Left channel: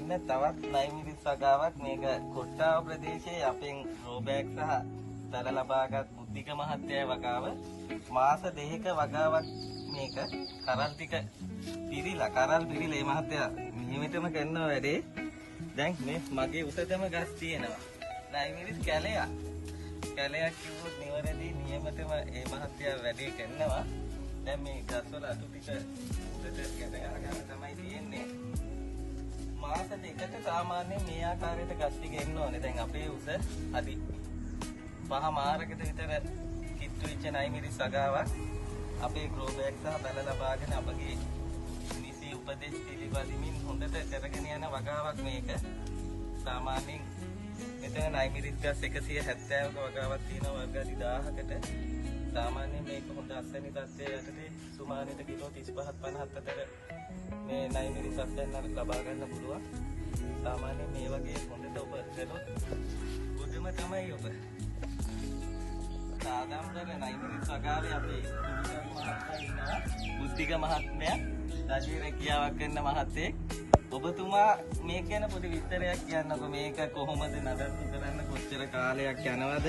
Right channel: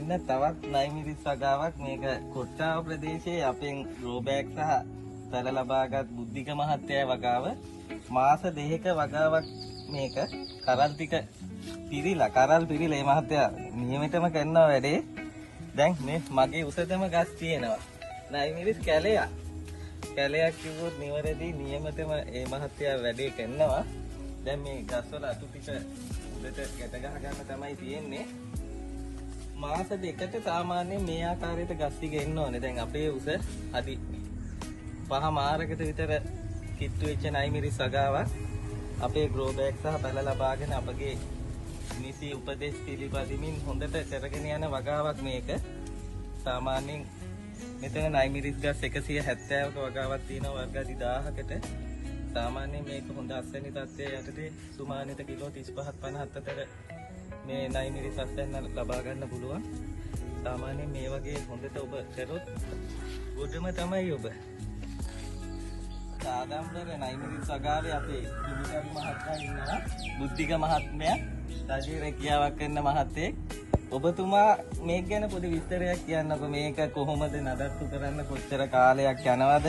මෙන්න තවත් නයිමිරිස් වගාවක් මේක කොට්ටාව ප්‍රදේශයේ අපෙන් ග්‍රෝබෑග් සහ තල ලබාගත් බුද්ධික මහත්තයා වගාව මාස 2ක වගාවක් මේක කරල් ටික පිරීලා මේ මහත්තයා නියමිතම කරනවා වැඩේ. දැන් මේ මගේ උසතම ගස් තියෙනවා නයිමිරිස් කැලයක් කිව්වොත් නිවැරදි නියමිතම මේ මහත්තයා වැඩේ කරනවා. දැන් මේ ගස්වල අතු ටික උඩට ගැට ගන්න තමයි තියෙන්නේ. මාස 2කට සාමාන්‍යයෙන් මේ ආකාරයට ගස් ටික එන්න ඕනේ. දැන් අපේ උස අඩි 5 මාරකට විතර කිට්ටු වෙච්ච නයිමිරිස් වගාවක් අපේ ග්‍රෝ බෑග් සහ පැල ලබාගෙන අපගේ නිසි උපදේශ පිළිපදිමින් හොඳට කරගෙන යන වගාවක් මේක. සාමාන්‍යයෙන් මෙතන නයිමිරිස් ගස් 170ක වගාවක් තියෙනවා වර්ග 1000කට. සාමාන්‍යයෙන් මේක හොඳ අස්වැනි තත්ත්වයේ යටතේ සුමානිත කිලෝ 35 50 අතර මේ නයිමිරිස් අස්වැන්න ලබා ගන්න පුළුවන්. සාමාන්‍යයෙන් මේ වගේ හොඳට ඔබ කරොත් ගොඩම තමයි ඔබ. සාදම්බර නයිමිරිස් වගාවේ අපේ දුමිකරු මහත්මයා ඉන්නවා. බුද්ධික මහත්මයා රජයේ රැකියාවක් කරන මහත්තයෙක්. ඔබතුමා මේක ගැන පොඩි විස්තරයක් කියන්නකෝ. මේක කොහොමද නඩත්තු කරන්න කොච්චර කාලයක් යනවද?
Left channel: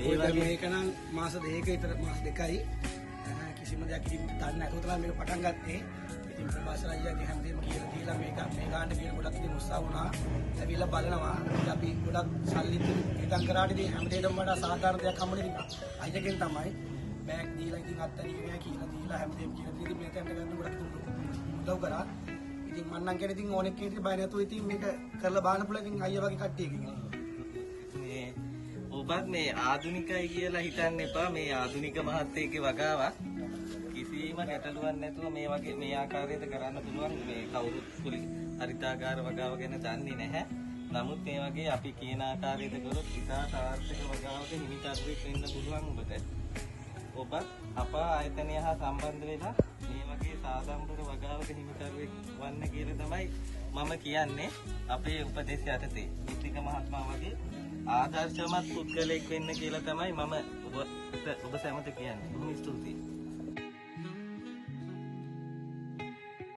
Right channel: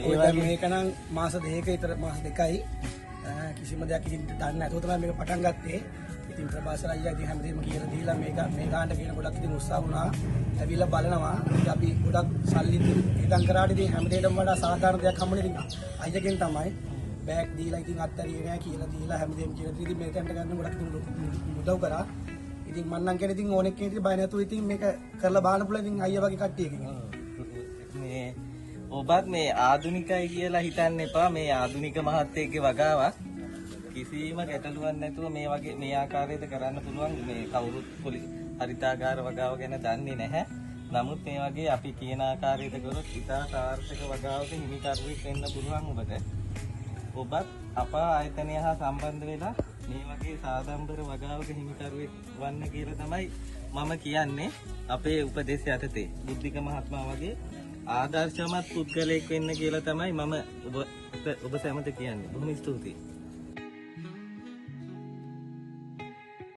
ඒ වගේ මේක නම් මාස 2ක විතර මාස 2යි කිසිම දෙයක් ඉතින් දන්නේ නැතුව තමයි මේක පටන් ගත්තේ. ඉතින් ප්‍රභාසර අයියා ඉතින් හැමදේම කියලා දීලා මේක මේ ගාන්න කියන ගොඩක් ඉතින් උත්සාහ වුණා. ඇවිල්ලා බලනවා. ඉතින් අපි ගොඩක් සල්ලි ඉතින් කරාට ඉතින් හැමදේටම වඩා සාධාරණ දෙයක් හම්බුනේ ඉතින් අයියාගෙන් තමයි. බෑග් දීලා ඉතින් අත්තරියේ නෑ කියලා දීලා හැමදේම කියලා ඉතින් මේ තැනට ගන්න ගොඩක් උදව් කරා. ඉතින් මම නම් කියන්නේ ඉතින් ඕනෙක් කෙනෙක් ඉතින් බය නැතුව ඉතින් මේක කරලා බලන්න පුළුවන් ඉතින් අයියා වගේ කට්ටියකින්. මේ ඔබත් මේ ආදුනිකයි කියලා හිතන්න එපා. මේ ආදුනික මහත්තයෙක්ගේ වගාවක් කිසිම ගැටලුවක් නැතුව මේ වගේ මේ ආකාරයට කරන්න පුළුවන්. මේ කවුරුත් හරිතාගාර වගාව ගැන දන්නේ නැහැ. නමුත් මේ වගේ අපි කියන ආකාරයට කරොත් ඉතා සාර්ථක වගාවක හිමිකරුවෙක් වෙන්න පුළුවන් ඔබට. ඔබත් අප ආයතනය හා සම්බන්ධ වෙලා මේ වගේ සාදම්බර වගාවක හිමිකරුවෙක් වන්න කියලා තමයි මම කියන්නේ. අපේ උපදේශ යටතේ බුද්ධික මහත්මයා වගේ ආදර්ශමත් පුද්ගලයෙක් වෙන්න කියලා තමයි මම ඔබ සැමට කියන්නේ. බොහොම ස්තුතියි.